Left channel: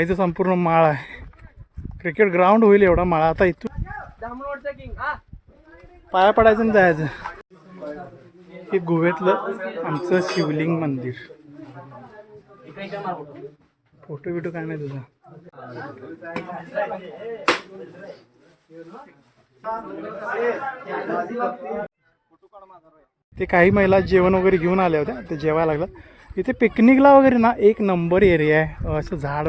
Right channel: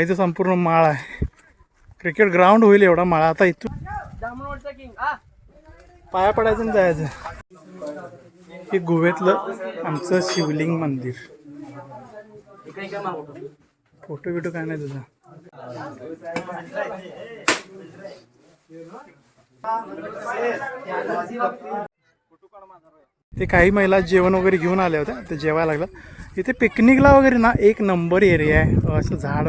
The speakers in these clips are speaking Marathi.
इथं संपूर्ण माळ आहे. क्रिकेट ग्राउंड होईल एवढा माळा. आता इथून पाया पडायचं जायचं. हे गोव्यातलं आमचं शिवलिंग मंदिर. फोटो बिटो काय नाही तुझा. ते काही महिला जेवण वगैरे घेऊन आल्या होत्या ते जेवायला लागलं इथे पिकनिकला वगैरे ना एक नंबर एरिया आहे. असं झाड.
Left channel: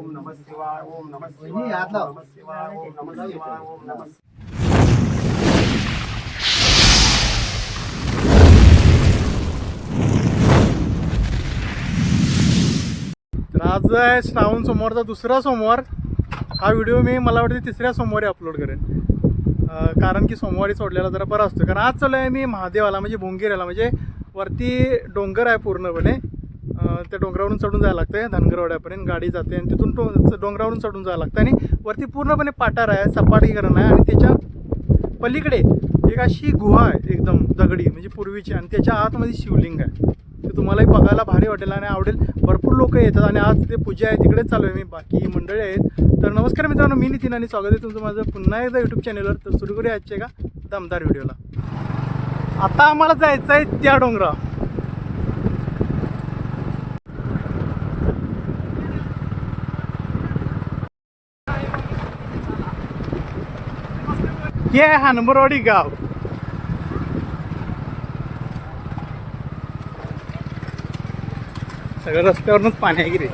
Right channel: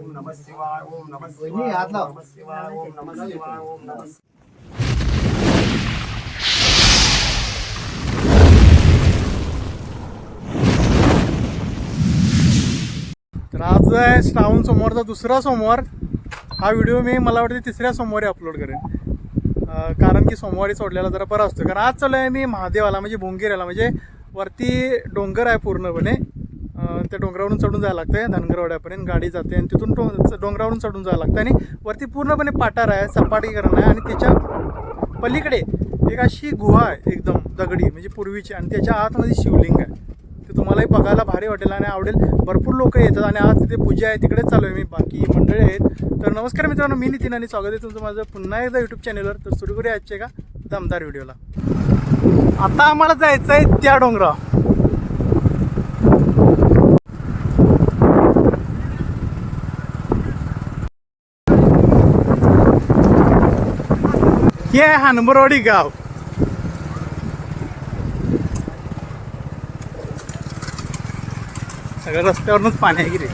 तर आज आहे श्रावण सोमवारचा दुसरा सोमवार. हा व्हिडिओ मी मला वाटते तिसऱ्या सोमवारी अपलोड करेन. कारण की सोमवारी सोडलेला जरा बरा असतो कारण आज चालू आहे मी महादेवाला म्हणजे भोंगेऱ्याला म्हणजे वरती डोंगर आहे पूर्णपणे. त्या डोंगरावरून चढून जायला लागतं धनगरवाड्यापर्यंत गाडी जाते आणि तिथून टो डोंगरावरून चढून जायला लागतं आणि वरती पूर्णपणे पाटार आहे सपाटीकरण आहे आणि त्याच्या पलीकडे एक अशी गुहा आहे एकदम दगडी म्हणजे पूर्वीची. आणि त्याच्या आतमध्ये शिवलिंग आहे. ते तुम्हालाही बघायला भारी वाटेल आणि आवडेल. भरपूर लोक येतात आणि आज तिथे पूजा आहे तिकडेच चालू आहे मी. बाकी मंडळी आहेत. तर नमस्कार मित्रांनो मी नितीन आणि स्वागत आहे तुमचं माझं पुन्हा एकदा यूट्यूब चॅनलवर तर सुरू करूया आजचे का दमदार व्हिडिओला. आता आम्हाला जायचं आहे त्या डोंगरा हे आहे हनबरवाडी गाव. सगळं रस्त्यावरूनच पाणी आहे की रे?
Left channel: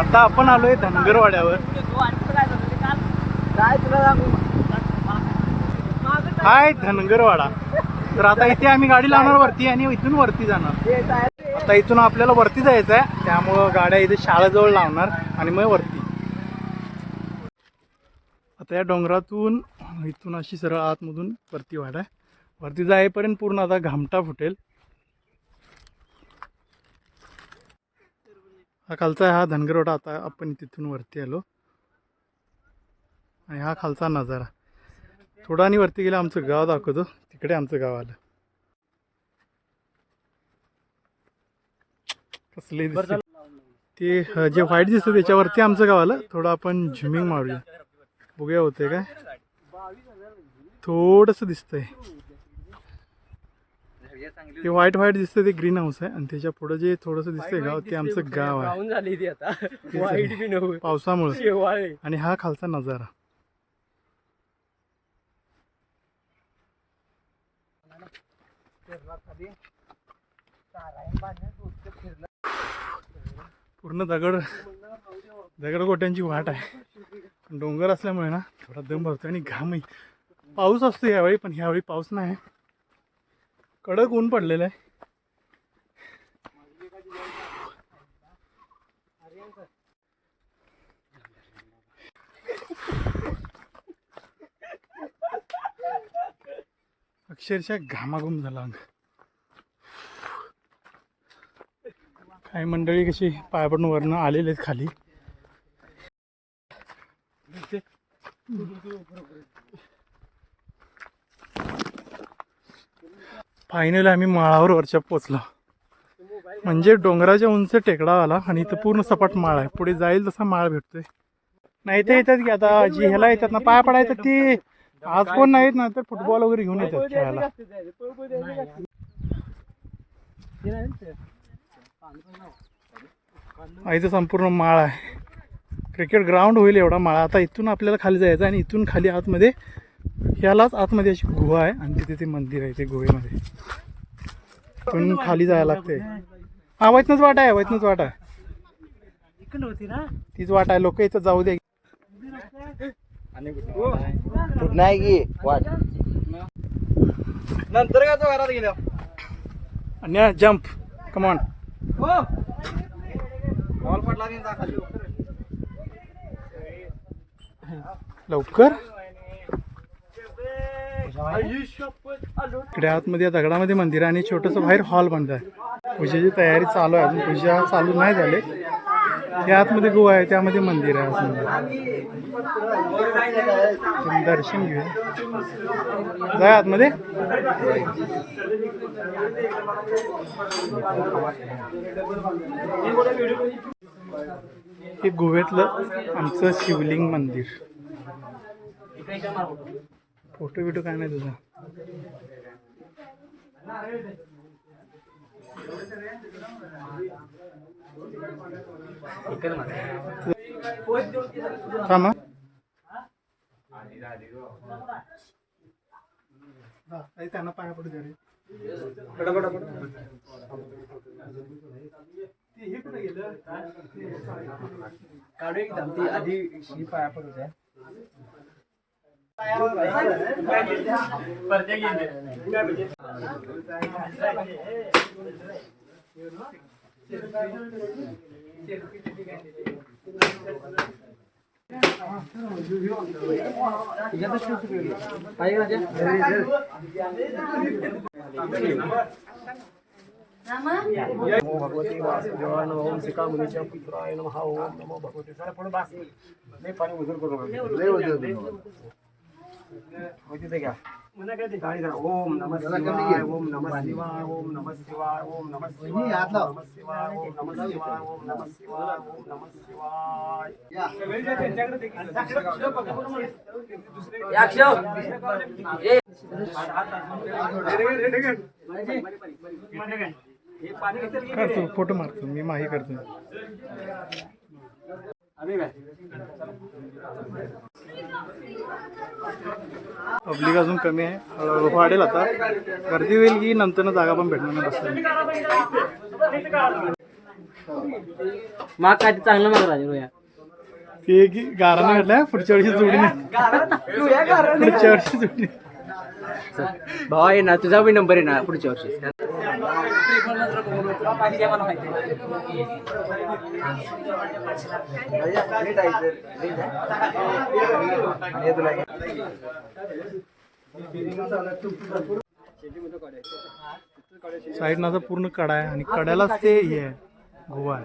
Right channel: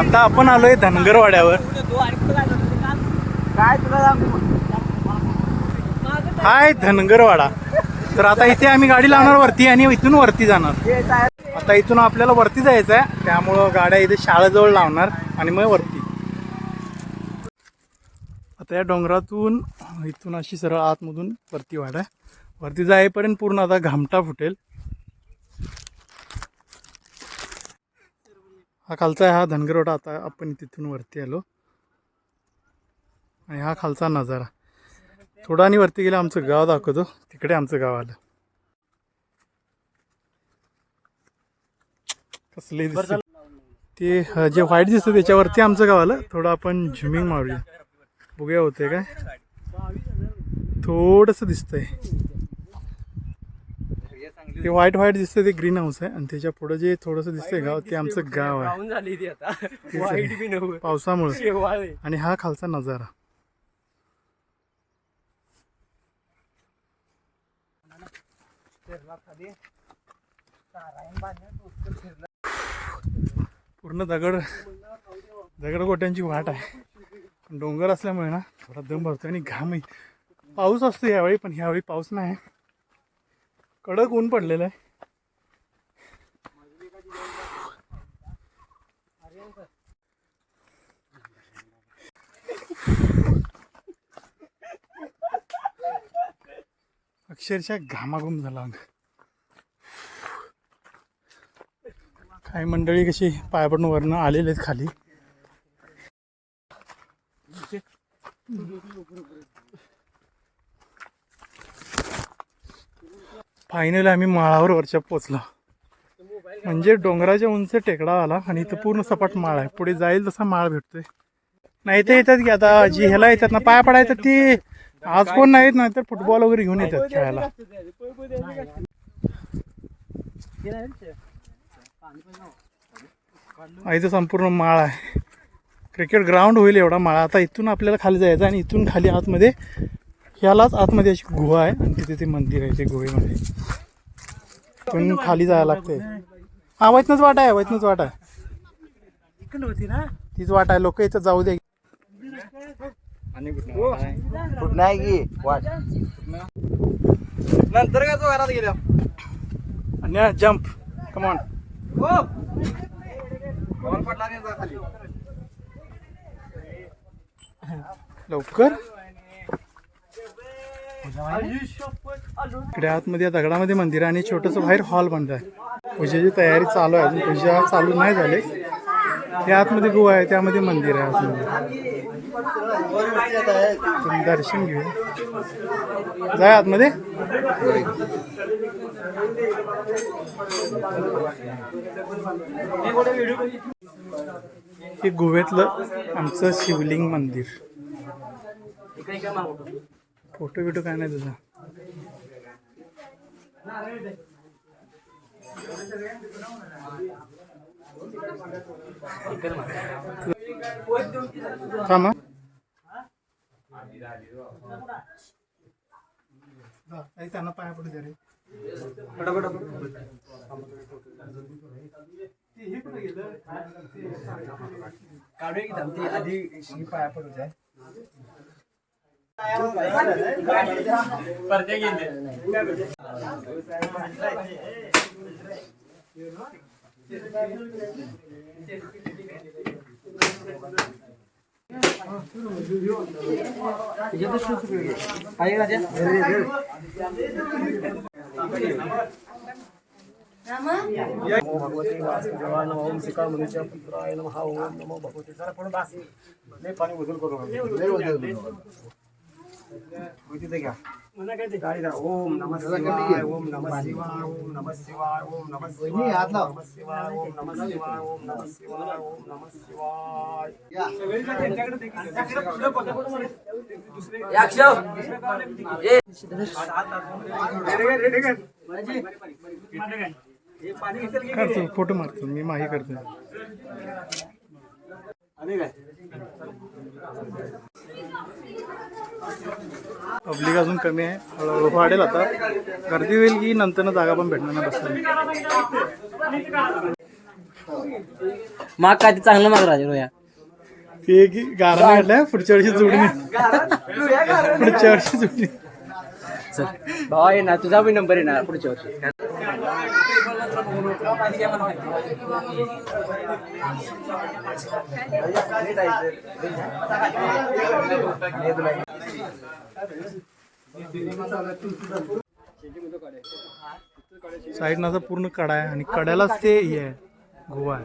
आता आपण आलोय धनगरवाड्यावर. हाय धनगरवाडा. तर आता इथे आम्ही गाडी लावणार वरती आणि इथून वरती जाणार. आता इथून आपल्याला वरती जायचं आहे. त्यामुळं गाड्या इथे शाळेजवळ लावणार आणि मग वरती. आता या डोंगरातून इथून अशी सरळ आतमधून वरती वाढ आहे. वरती जाईपर्यंत पूर्ण आता घामटा फुटेल. हा खालचा आहे हा धनगरवाडा आता आपण तिथून वरती आलो. आणि हा खालचा नजारा. थोडा आणि वरती गेला आमचं गाव दाखवतो. तिकडे आमचं गाव आलं. कसले ते जे व्हाईट दिसतं त्याच्यावरती आमचं गाव आलं. थोडं आपण झुमिंग मारूया. बघूया होते काय. थोडंसं दिसतंय. ते व्हाईट व्हाईट दिसतंय ते ग्रीन हाऊस आहे. आणि त्याच्या पुढं जे थोडंसं दिसतंय गाव ते आमचं गाव आहे. पावसामुळे. आणि हा खालचा नजारा. पूर्ण दगड दगड गोट्यांची वाट आहे. डोंगर असल्यामुळे ना थोडा दम भरतो आणि घामही पाऊस असतो यावेळी पण ह्यावेळी पाऊस नाही. कडक ऊन पडलेलं आहे. अक्षरशः घामाघूम झाला अंग. काही मंडळी कशी पायपडून वरनं आलेले आहेत खाली. फायनली आम्ही माळावर वरच्या पोचलो म्हणजे डोंगराच्या उंच टेकडा आला आणि इथं पूर्ण सपाट माळ आहे. पुढे जाईल तसा माळ भेटतोय. नाही तर येतात की आता जी ह्याला येतात ना पाय पडायचं ती. आज कोण नाहीत ना तर फुटबॉल वगैरे घेऊन येतात खेळायला. इथं संपूर्ण माळ आहे. क्रिकेट ग्राउंड होईल एवढा माळा. आता इथून आपल्याला खाली जायचं आणि इथून खाली आतमध्ये ह्यालाच आतमध्ये अशी गुहा आहे आणि तिथे ते मंदिर आहे ते गुहेमध्ये. इथून खाली जायला लागते हा वैतनच वाट आहे वैतनच वाट. आहे इकडं होती ना? तीच वाट आहे लोक इथं जाऊ दे. कुठ नाही की वाट. नंतर का तो घरात गेल्या आणि जम्प कमॉन बॉल पडला नाही जा खाली. लवकर? इकडे आतमध्ये या दगडामध्ये मंदिर आहे आणि छोटंसं बाहेर हॉल बनत आहे. पूजेची तयारी चालू आहे. अजून पूजा चालू नाही झाले. त्या आतमध्ये गोवा आहे त्यामध्ये मंदिर आहे आतमध्ये. दर्शन घेऊया. जाय आतमध्ये? हे गोव्यातलं आमचं शिवलिंग मंदिर. फोटो बिटो काय नाही तुझा? थांबा त्यांना पाया पडू द्या रे. काढूया की आधी पाया पडू द्या. भगवती वासुदेवाय नमः ओम सीता मुनीच्या पुत्राय नमः ओम नमो भगवते जरा पुढे बास नाही पाणी उजूर करू नका. हो, फ़ोटो मारतो मी माही करतो. काय? पब्लिक अजून कमी आहे. हळूहळू वाढेल आता. गर्दी होईल की नंतर जागा पण भेटणार नाही बसायला माग काय ते चांगलं माग राजा रोया ते की गाराने घातलाय पुढच्या वर्षी जोडीने. पुढच्या वर्षी जोडीने. भावा आहे ना तुझा बी नंबर आहे ना पुढच्या वर्षी. साईडनाचा पूर्ण कडा आहे आणि कड्यालाच ते हे आहे. गोवा आहे.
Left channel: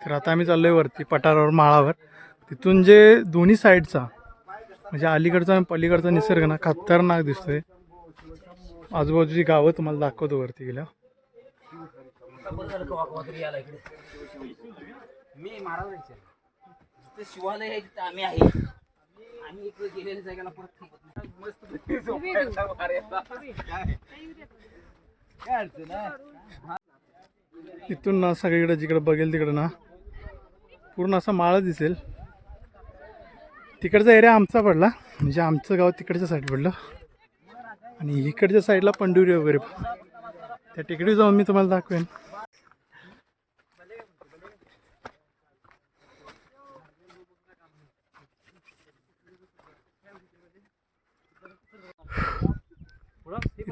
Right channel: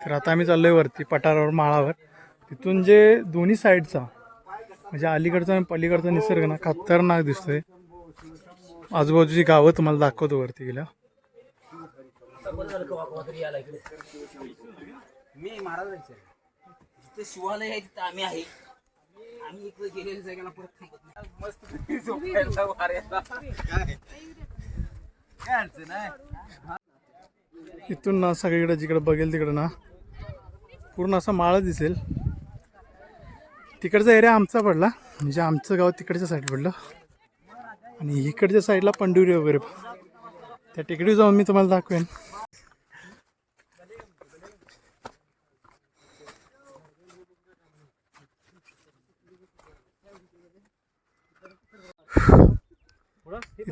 तर आता आम्ही चाललोय वरती पठारावर माळावर. तिथून जे दोन्ही साईडचा म्हणजे अलीकडचा आणि पलीकडचा निसर्ग ना खतरनाक दिसतोय. आजूबाजूची गावं तुम्हाला दाखवतो वरती गेल्या. मी महाराज जिथे शिवालय आहे तिथे आम्ही आहे. आम्ही इकडे गेलेल्या जागेला परत थांबत नाही. मस्त इथून ना सगळीकडे जिकडे बघेल तिकडे ना पूर्ण असा माळा दिसेल. तिकडचा एरिया आमचा पडला म्हणजे आमचं गाव तिकडच्या साईड पडलं. आणि इकडच्या साईडला पंडुरी वगैरे त्या टेकडी जाऊन मी तुम्हाला दाखवेन.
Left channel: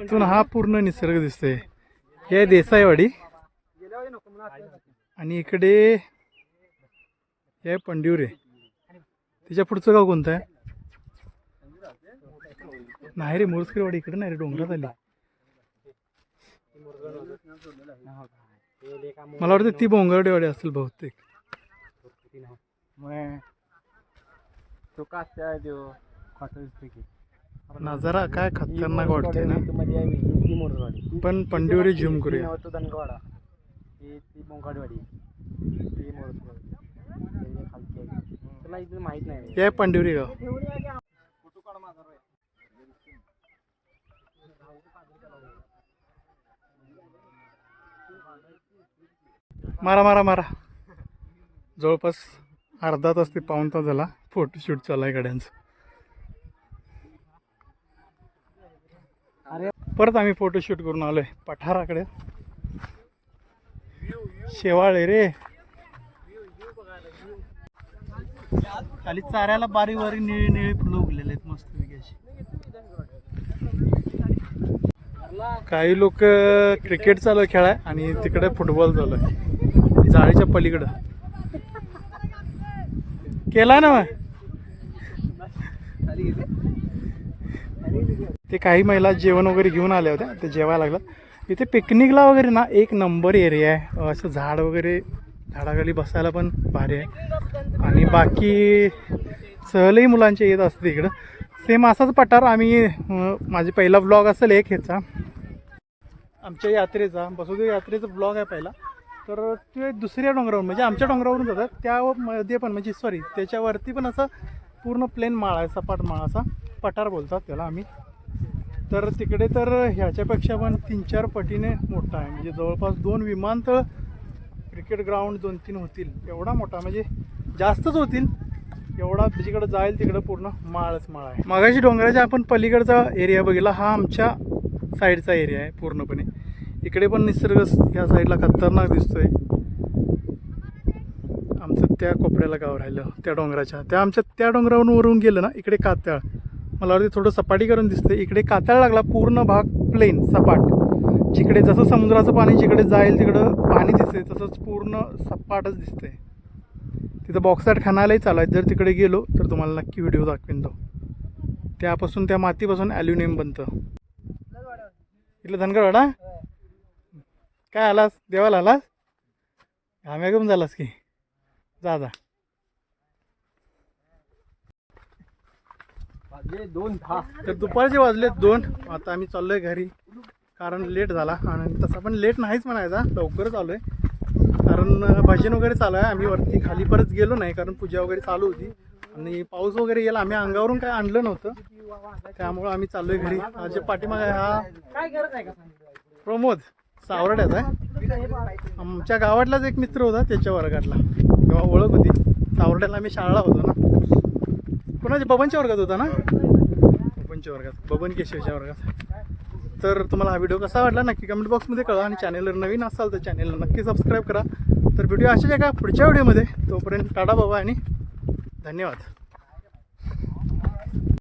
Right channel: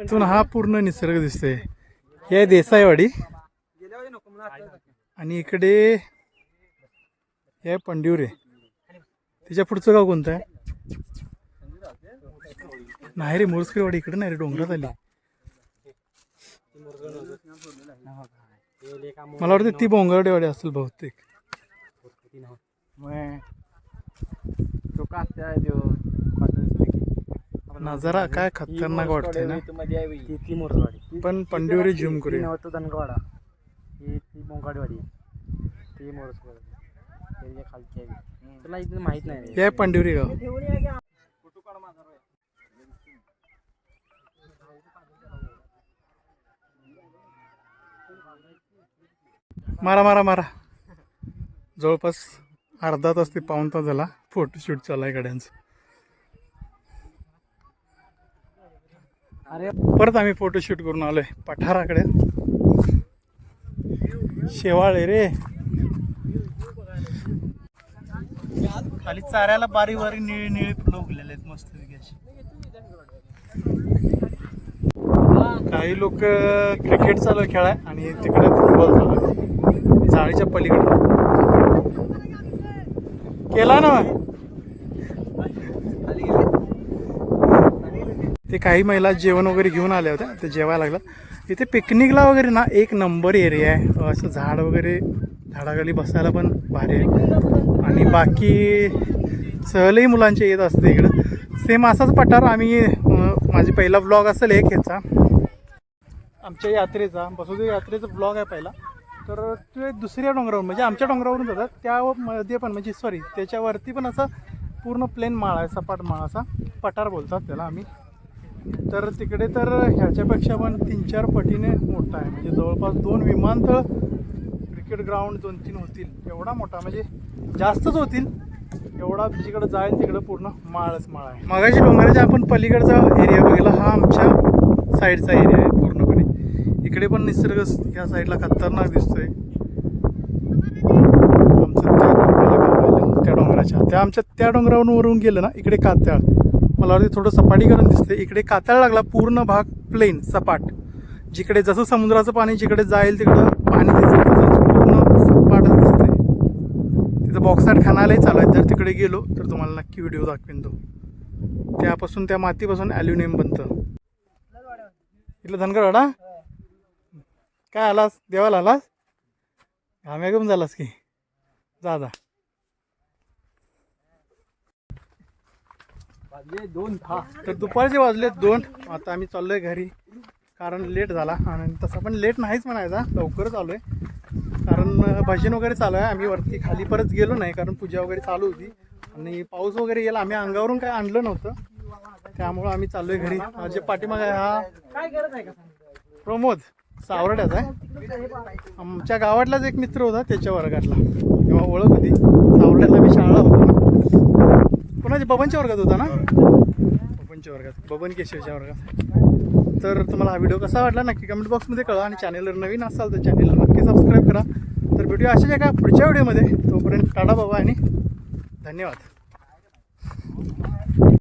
इथून हा पूर्ण निसर्ग दिसतोय. हे देसाईवाडी. आणि इकडे हे पंडिवरे त्याच्या पुढचं गाव कोणतं आहे? नाही रे मोरसकरवाडी इकडे नाही रे डोंगरात आली. मला वाटतं ती बोंगरडेवाडी असेल बहुतेक. नजारा काय खतरनाक वाटतोय ना. पण पंडिवरे झूम करूया. ही ती मोंगाडवाडी ती मोरसवाडी खालची आहे. इथे माहीत नाही. हे पंडिवरी गाव मारा मारा मारा. जवळपास अर्धा तास ते पाऊन तास झाला. फोटोशूट चालू आहे गाड्यांचं. अरे. परत आम्ही फोटोशूट करून आलोय. पठाराकडे. शेवाळे रे. खाली चाऱ्याला बारी बारी निळी निळी फुलं उगलेले आहेत मस्त अशी. काही लोक क्रिकेट चालू आहे खेळाय आणि तिकडे फुटबॉल चालू आहे. जाळीच्या पलीकडे. केला ना ते काही महिला जेवण वगैरे घेऊन आल्या होत्या ते जेवायला लागलं इथे पिकनिकला वगैरे ना एक नंबर एरिया आहे. असं झाड वगैरे झाडाखाली बसायला पण भारी आहे. आणि बाकी सहलही मुलांचे येत असते इकडं. सेम असाच पठार. आम्ही माझी पहिला ब्लॉग असेल एक ह्याचा. आमच्या यात्रेचा बसुदेव यात्रेचा ब्लॉग आहे पहिला. तर ते दुसऱ्या डोंगरावरून म्हणजे आमच्या डोंगरावरून जातात. त्यामध्ये पण म्हणजे सॉरी त्याच्यावरती पण असा पूर्ण प्लेन माळा आहे सपाट माळा असा. पठार बोलतात त्याला आम्ही. तर तिकडे तर ह्याच्यापेक्षा पण तीन चार पटीने मोठा आहे. म्हणजे जवळपास दोन विमानतळ क्रिकेट ग्राउंड दोन तीन होतील. एवढा मोठा म्हणजे जास्तच होतील. एवढा जिकडं जाईल तिकडं पूर्ण माळच माळ आहे. मागाशी डोंगराच्या आपण पलीकडचा एरिया बघितला हा आमच्या साईडचा एरिया आहे पूर्णपणे. इकडे पण निसर्ग ह्या साईडला खतरनाक दिसतोय. आमचं त्या कपड्याला गाव राहिलं त्या डोंगराच्या. त्या आमच्या त्या डोंगरावरून वरून गेलं ना इकडे कात्याळ मला वाटते थोडं सपाटीकरण दिसतंय. इकडे कात्याळ लागला पूर्ण भाग प्लेन सपाट. जिकडे जसं समुद्राचं पाणी जिकडे जाईल तिकडं पाणी दिसेल तसंच पूर्ण सपाटच दिसतंय. तिथं बॉक्साट खाणालाही चालू आहे जर तिकडे गेलो तर तुम्हाला नक्की व्हिडिओ दाखवेन तो. त्यापासून त्या मातीपासून ॲल्युमिनियम बनतं. इथलं धनगरवाडा? काय आलास? देवाला आलास? घाम्या घेऊन झालास की? जा जा दोन दहा तर दुपारचे वाजले दोन. आता आम्ही चाललोय घरी. कारण लेट झाला. आणि तसा पण लेट नाहीच म्हणायचा. लवकरच आलोय कारण भजन वगैरे चालू आहे. आम्ही वरती खाली परत गेलो नाही. कारण पूजा वगैरे चालू होती. आणि पाऊस वगैरे गेला. आम्ही अंगावरून काय आणलं नव्हतं. त्यामुळं आम्ही चाललोय घरी. हा जे पाठीमागे हा काय करत आहे का प्रमोद सावरड्याचा आहे. आमच्या गावातलाच एक मित्र होता त्याच्या वर्गातला. तेव्हा ओळख होती. सावरड्याला मी शाळा होतो ना. कोणाच्या? बबनच्या वर्गात होता ना? बबनच्या वर्गात. बबन केशवच्या वर्गात. तर तुम्हाला हा व्हिडिओ कसा वाटला नक्की कमेंट बॉक्समध्ये कळा आणि चॅनेलवर नवीन असाल तर चॅनलला नक्की सबस्क्राईब करा. तर व्हिडिओ असेच एका पुढच्या व्हिडिओमध्ये. तोपर्यंत टाटा बाबा आणि धन्यवाद.